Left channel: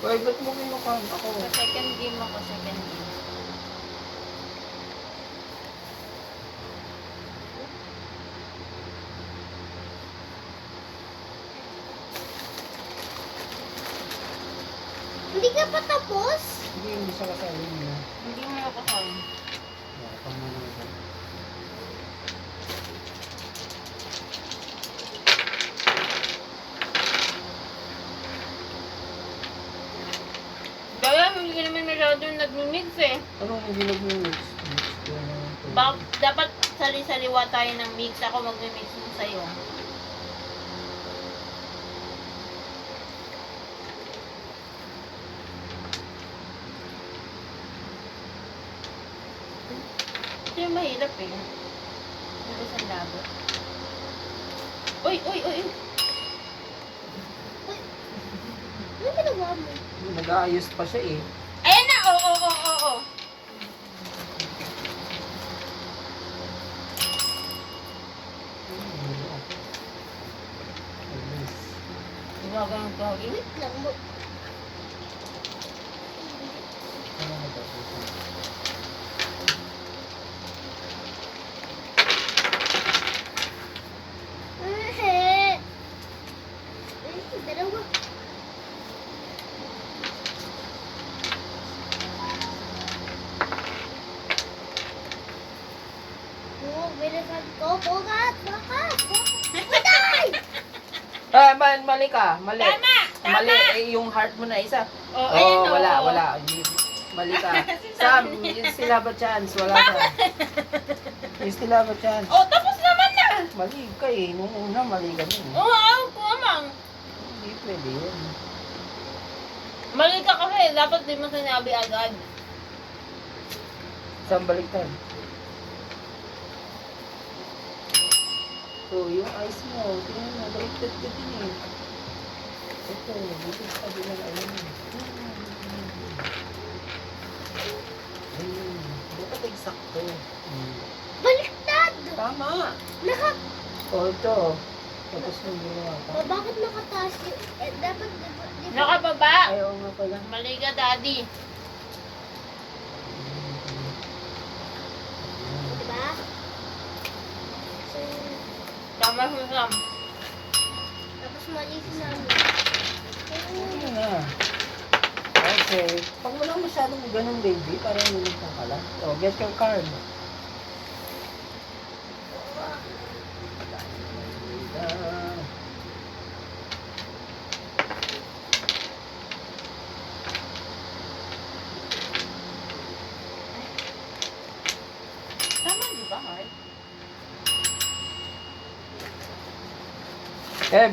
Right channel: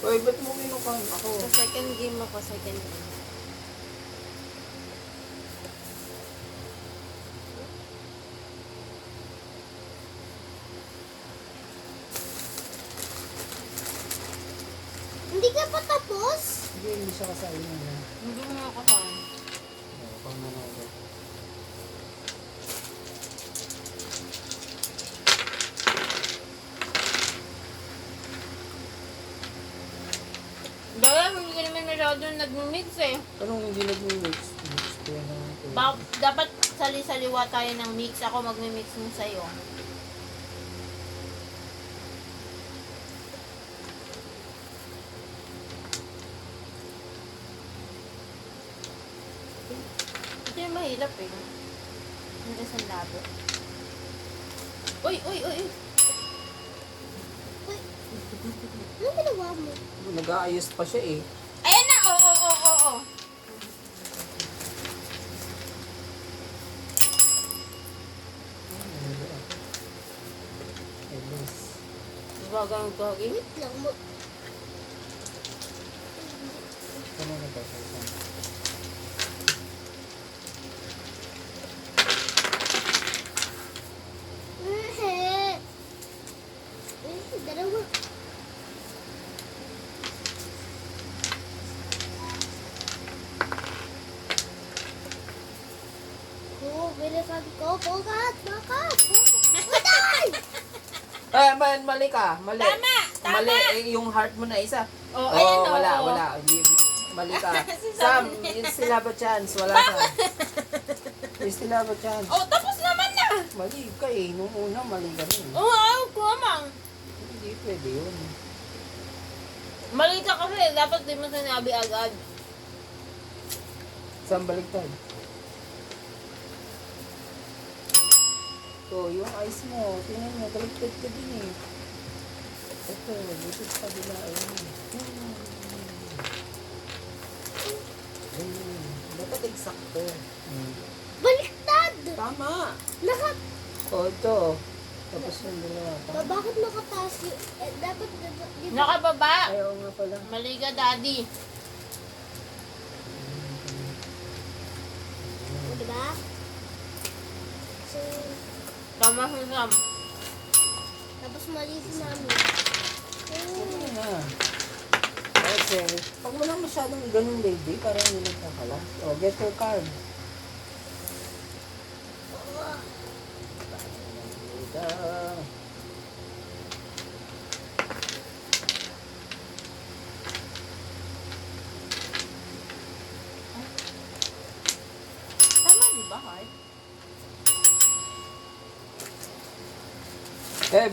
Uy, ba't mo kinukuhan ako? Sa second game ako, second game. Hindi ka pa tapos? Hindi siya kasali nila. Hindi mo ako kain. Pangmanood. Daya, hindi naman masyado nag-mix eh. Anong hindi nag-mix? Mix ko na ito. Dapat sali-saliwa tayo ng mix. Ako mag-mix mo sa'yo. Ito yung mahirap eh. Hindi sa labo. Uy, uy, uy, uy. Ano ginagawa mo? Nag-aayos pa siya eh. Ayan na! Oo, oo, oo, oo. Bagay yung gawin. Wait lang mo. Ano na ba ito? Dalawa. Oo, bilisan ko. Bukat! Bukat! Bukat! Mali ka. Mali. Tama! Tama! Mali. Yung heart mo na isa. Oh, ayan, Oh, wala, oo. wala. Mali ka. Kasi Sam, sabi niya. yung still have a chance. Wala ka. You still have a chance. Oh, tapos naman na! Mali ka eh. Nung una, mali ka rin. Oo, wow, kumamang. Hindi pwede yun. Mali ka kasi, dapat di mo sinabi agad. Saan baliktad? So, yung eyes mo, tingnan mo, baliktad ka din eh. Ito, dito sa kabilang ayun. Ayun. Dapat eksakto. Baliktad! Tama! Naka... O, ito. Tapos yung ginawa pa. Bakit nakataas yung... dapat... Di ba? Nakababa. Ay, oo nga pala. Mali ka, daddy. Diba? So, Tama si Sam. tapos mali si mami. Ano na? Okay. Pag wala masyadong ganun, baby, parang nilito ka lang. O, get your card. Tama, di ba, heart?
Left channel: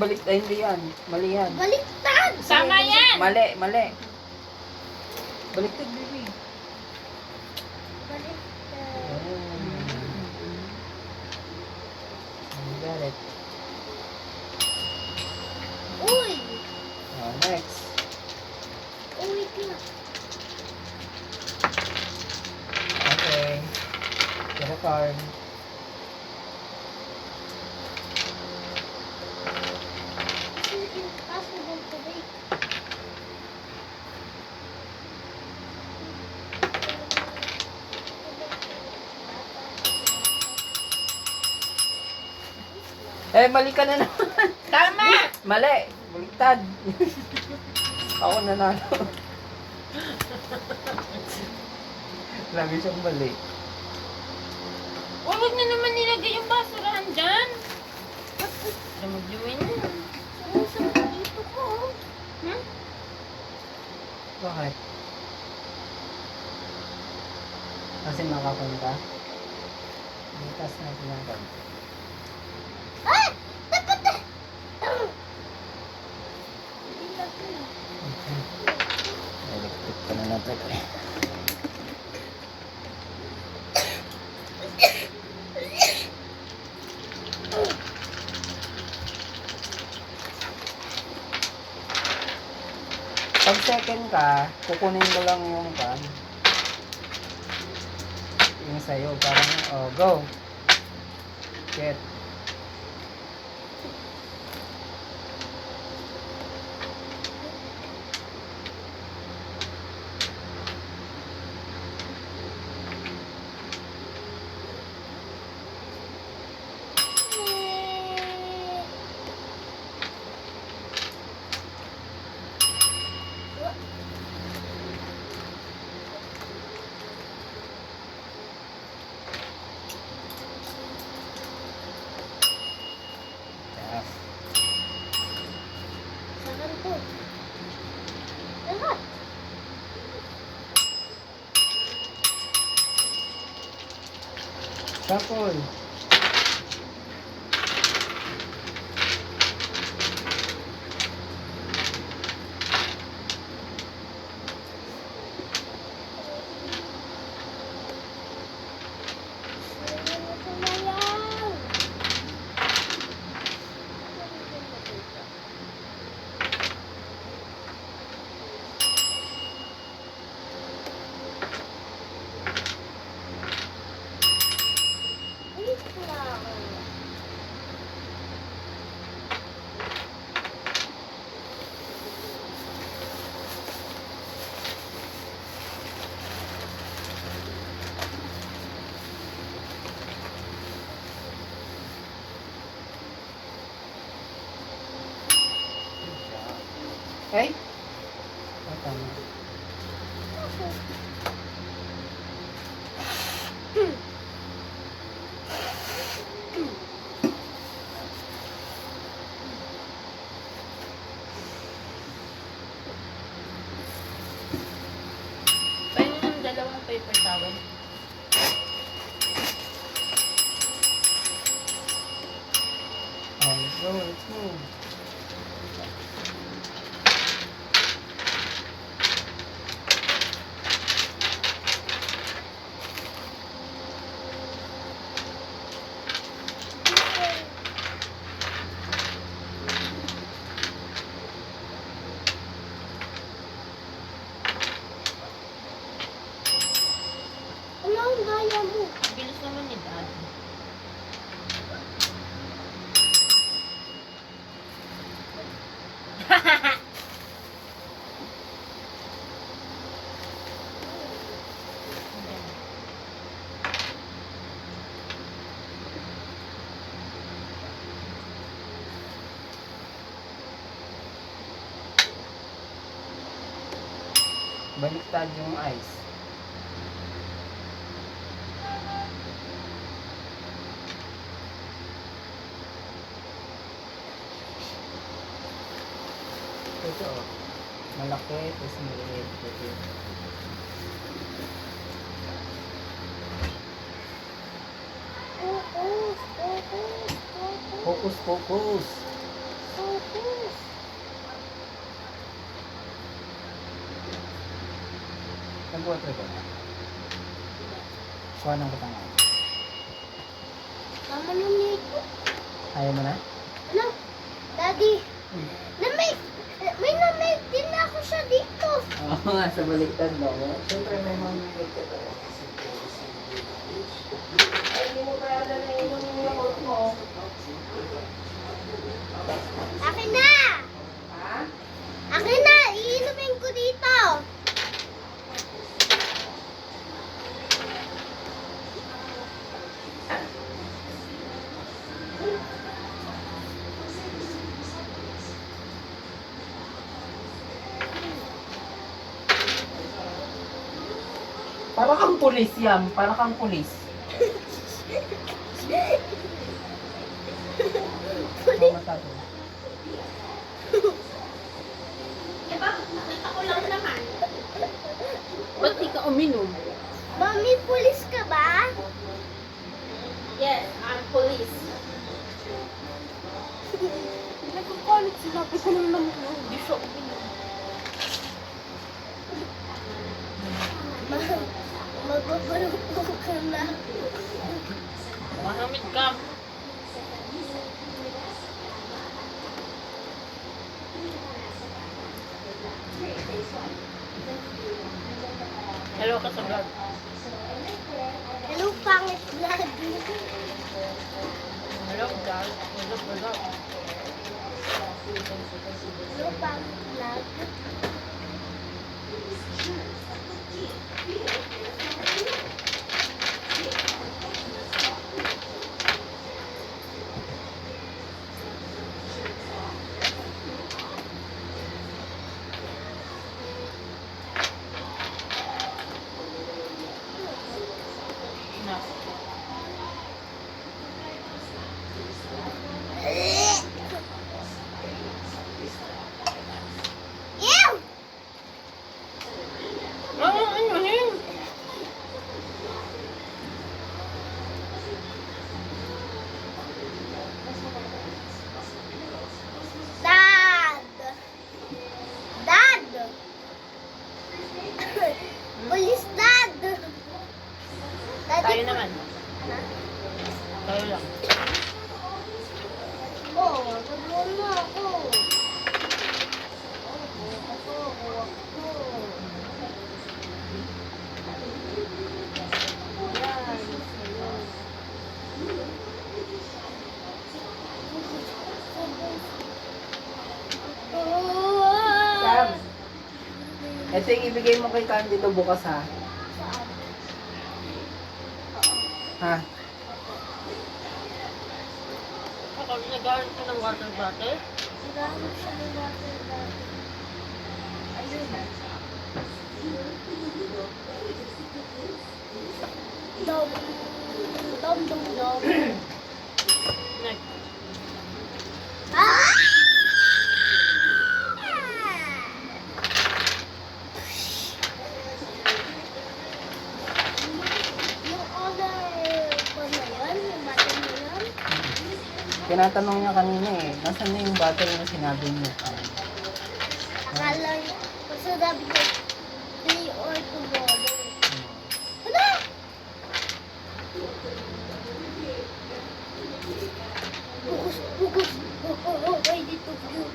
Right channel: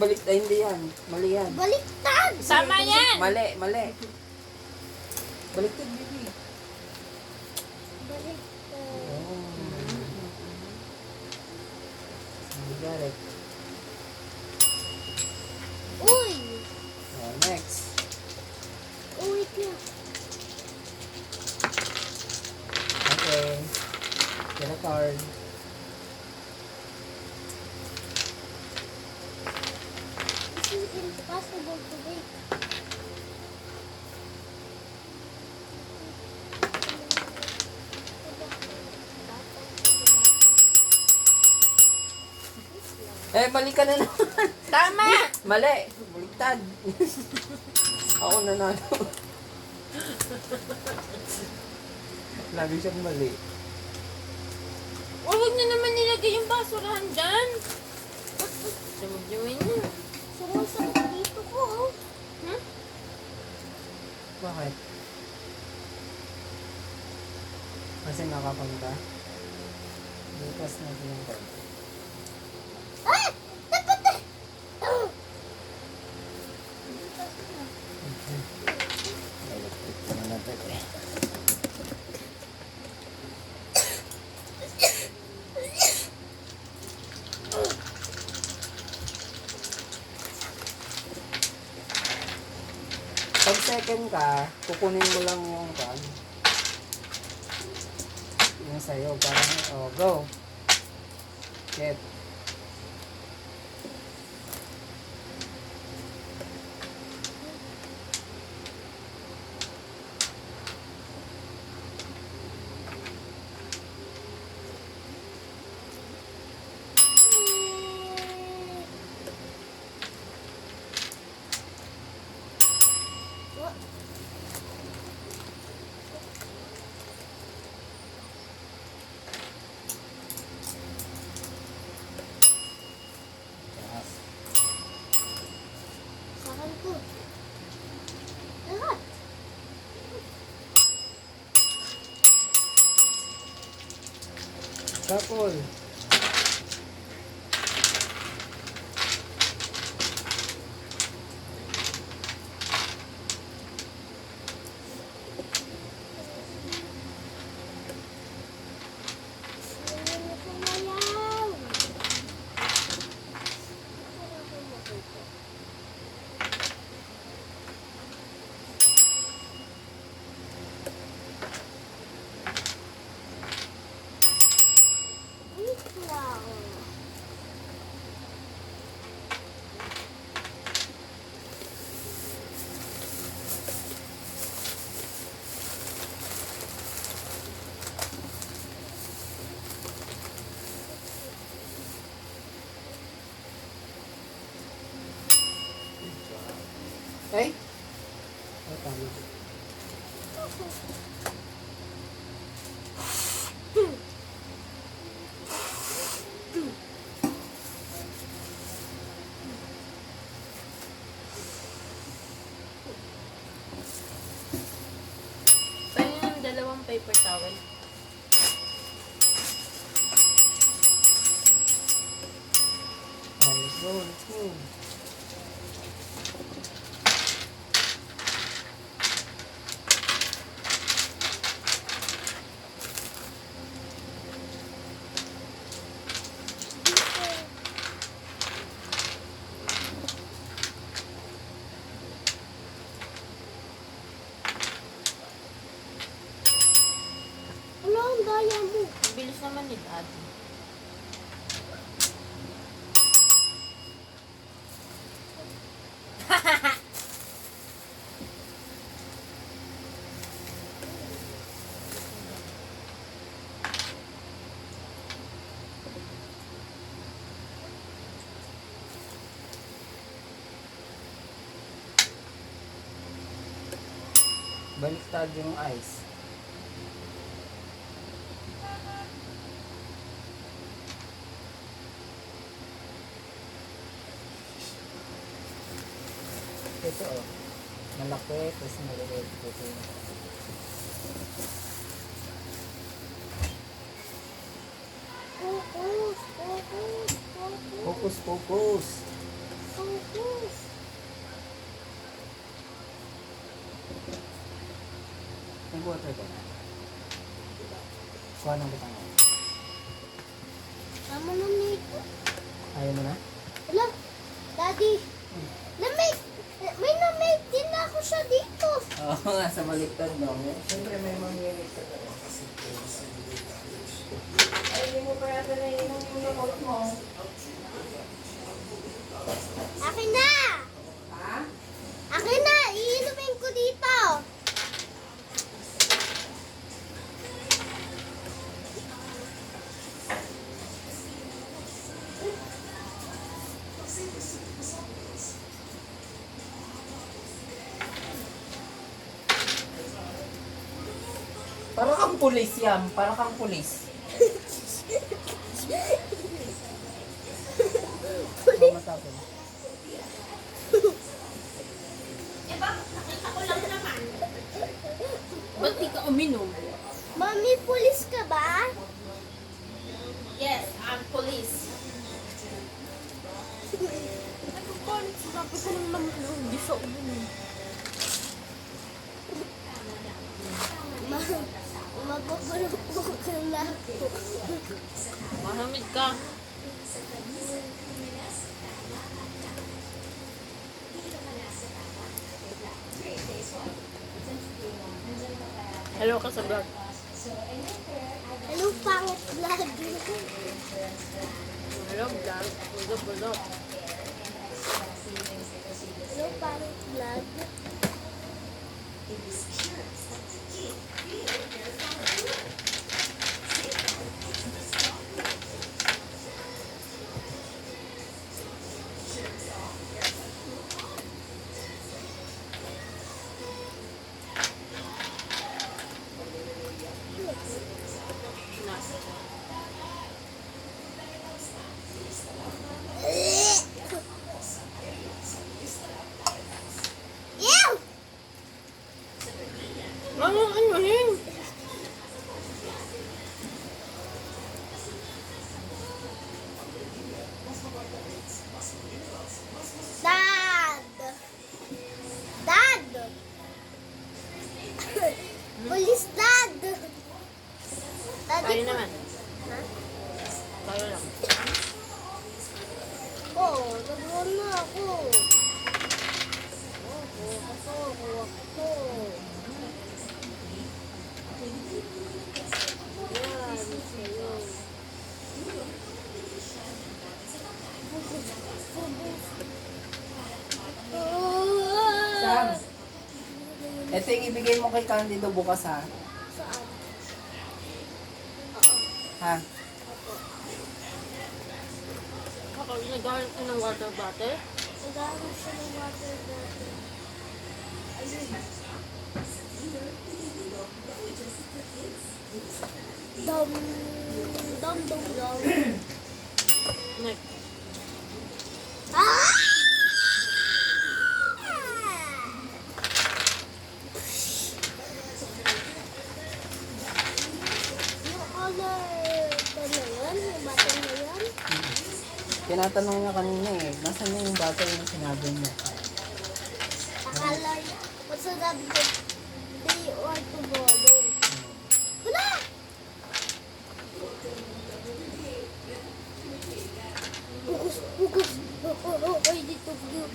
Balik, hindi yan. Mali yan. Baliktad! Tama yan! Mali, mali. Baliktad, baby. Baliktad. Got it. Uy! Next. Uy, tiyak. Okay. Get a card. This is impossible to make. Mali ka na naman. Tama! Mali. Baliktad. Ako nanalo. Lagi siyang mali. Huwag na naman nilagay yung basurahan dyan. Sumudyuin niya. Sumusang dito ko. Hmm? Bakit? Kasi nakapunta. Bukas na silang konti. Ah! Dapat na! Electric pa na natin eh. Pag second ka, kukunin mo lang yung pan. Yung sa'yo, parang, oh, go. Get. Shuffle. Wait lang. Ay? Oh, tama. Paano yung dalawang paper towel? Ay, go, let's go. Ano ang gaya mo? Bilis naman ni Daddy. Baliktad yung ice. Ito oh. Malaki, tapos maliliit. Ito. Focus, focus, focus, Focus, focus. focus. Nagbuhat ka ba? Kuha ng batangan. Tama na nito. Ayaw mo na? Ano? Daddy, may namay din ako siya dito. Oo nga, sa baliktad mo. Siyempre may mga baliktad ako. Ay, hindi mo pa yata na inumin yung milk mo. Akin na! Ha? Akin na! Iinumin ko dito. Para kang pulis yan. Para kang pulis. Mama tato. Ba't di ka uminom? Mami, pulis ka ba? Yes, I'm police. Nagkakalit sinabi ko naman na Hindi siya uminom. Magbabarong po ka na. Mahamid ka. Hello ka sa vlog. Hello, pangit vlog. Hello vlog. What's up? Hello, pangit vlog. Ano yun? Ito yung ibigay mo kay Candido bukas ha. Saan? Ha? Ako, nag-aaral ko ng water bottle. Naghahanap siya ng water bottle. Ayun. Dom. Dom, dom, dom. Next. Ah! Yung other ko na yun, yung bottle na yun. Tinatanong niya kanina eh, nasaan na yung bottle na sinabi mo? Akala, basta sabi ko, day or tomorrow. Wala! Bukus, bukus. Ay, dito view.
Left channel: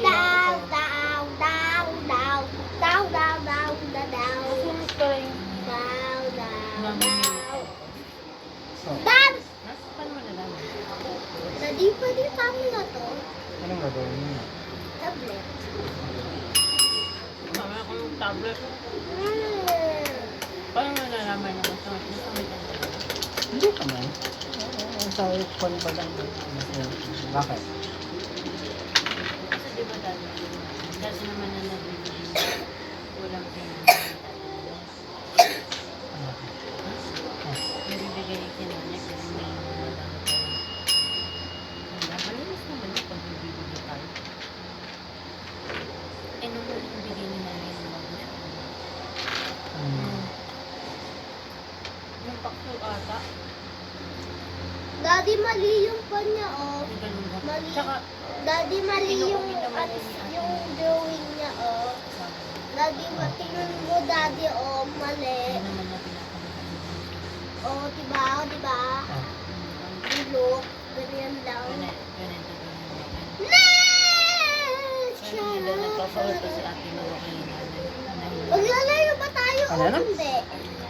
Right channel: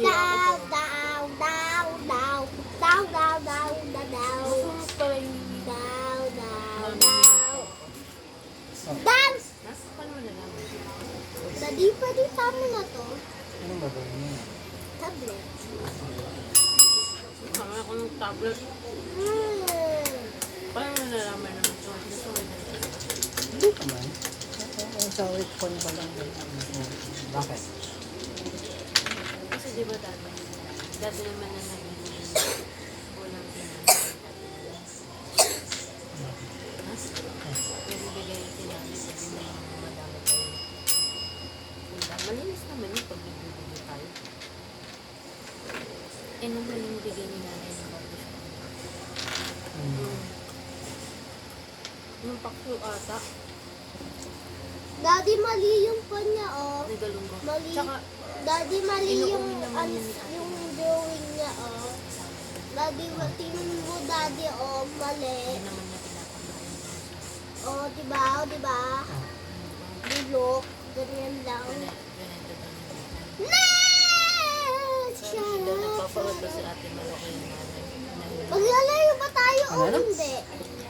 Down, down, down, down, down, down, down, down, Masunod pa rin. down, down, down. So, Dance! Paano mo nalaman? Daddy, pwede tama na to. anong gagawin niya? Tablet. Mami ko yung tablet. Paano mo nalaman na masakit? Masakit ang tablet. Hindi naman. Sa phone pa lang. Bakit? Kasi di ba dati naman na nabibili. Walang nabibigay kinanya kasi may nadala tayo. Malinis naman yung pagbibili tayo. Eh, nung huling bigay ni nanay ng bago siya. Yung pakso ata. Daddy, mali yung pan niya, oh. Legal mo. Mali. Tsaka, Daddy, mali yung, Inuuwi naman yung drawing niya, oh. Daddy, tingnan mo, Daddy, oh, mali. hindi naman niya pinapagawa. Oh, diba, diba? Look, ganyan lang. Next! Hindi daw nagpapauto si ate Malakay na nanay. Maglalayo ba tayo o Ano? hindi?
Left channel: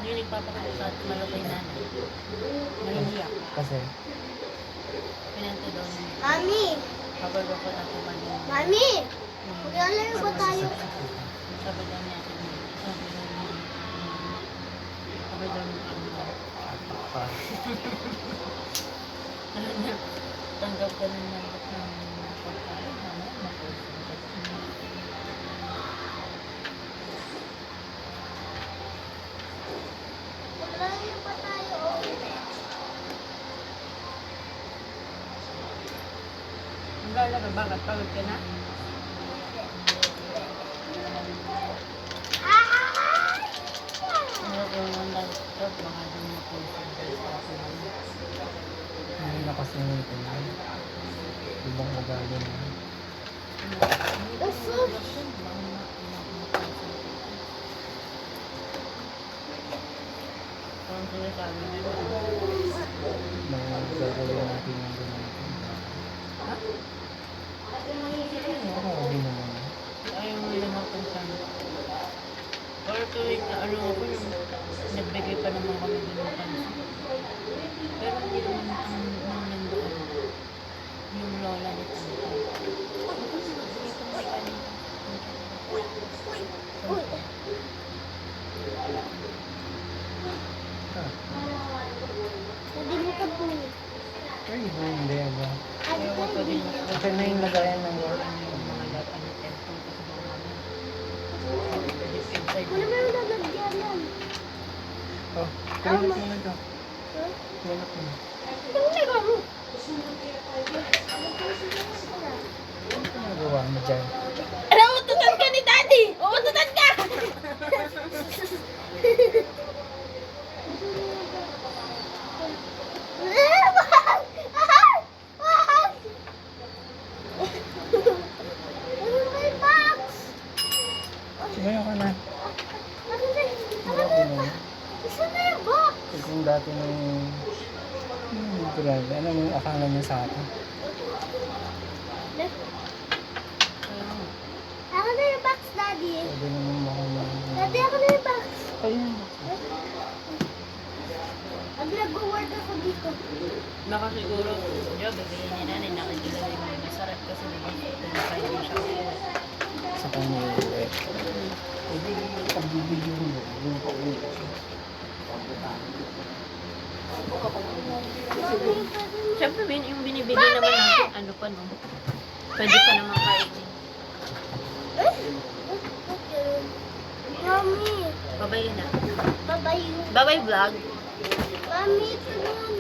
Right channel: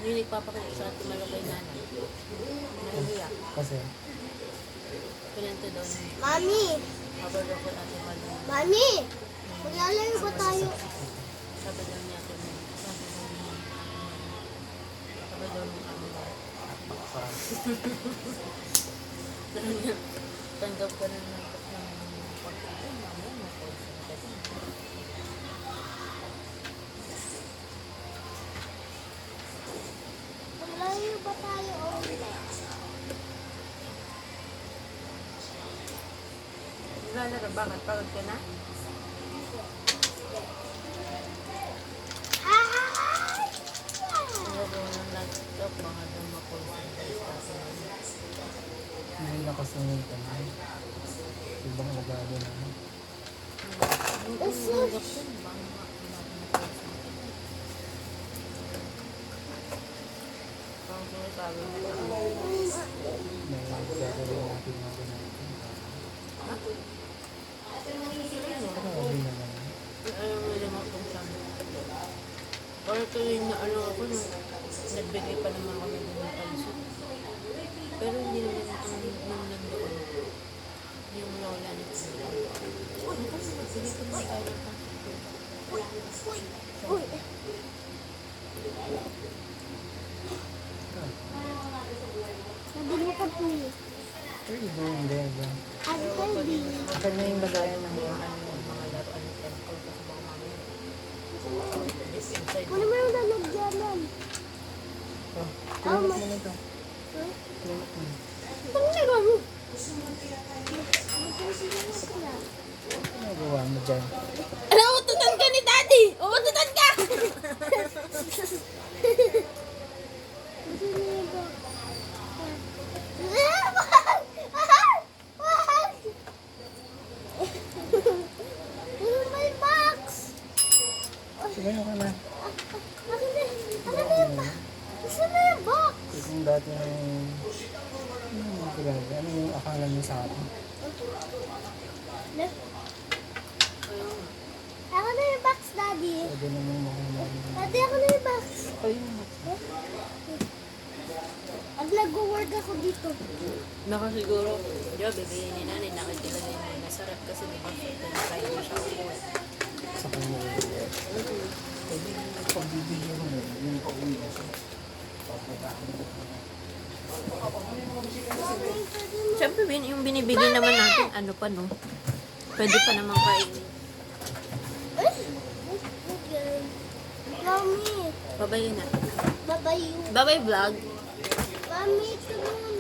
Yung nagpapauto sa ate Malakay na nahihiyak. Kasi, Pinanto daw niya. Mami! Habang ako ate Malakay. Mami! Maglalayo ba tayo? Sabi daw niya ate Malakay. Sabi daw niya ako. Dahil niya, tanggap ka ng manggap ng pagkain. Mamaya, mapauto ka dyan. Maglalayo ba tayo o hindi? Naglalaro, bakit? Pagod ka na? Ano ba yung laptop? Baka doon ma-concentrate ka sa mga. hindi na kasi nito. Ibang ugali na. Parang sinasabi nila. Mga gagawin natin na ganyan. Grabe naman. Ayaw mo nila mapunsan. Pero tuwing na ano ako nung nagbigay pa naman kami din ng pansin. Pero hindi naman ang nung nandoon yung lola ni Tito. Ano kasi magbigay pa naman tayo. Uy! Sabi mo ka po. What are you doing there, bro? Ano Ayaw ka ko hindi? rin mas Akin na yung lagayan ng yung mga laruan ni Temple kasi baka mamaya. Deep inside. Wala mo yung lalagyanan. Oh, pinulot mo na ito. Huh? Pinulot mo. Ano nagawa? Ano nagawa mo dyan? Alam, ututan ka ni Daddy! Ututan ka! May box! Siguro ka na. Asan na yung box? Kung dati na yung... Grabe. Ano yung akala niya sa akin? Ayun. Ako na yung box, Daddy. Pwede naman makamahal. Daddy, ako na yung box. Ayun. Pag nag-work ako dito. Baka siguro, di ba, bigyan ni nanay, nakikita na yung masarap kasi diba, pinakain mo siya ulit. Sa kanya yung rep. Pwede pagbibigyan mo. Yung pauwi kasi. Mami, pwede mo. Siyempre, yung binibili naman natin, ano pa no? Pwede pa naman kainin. Okay. Mami, Babay na. babayo. Babay vlog. Mami, ito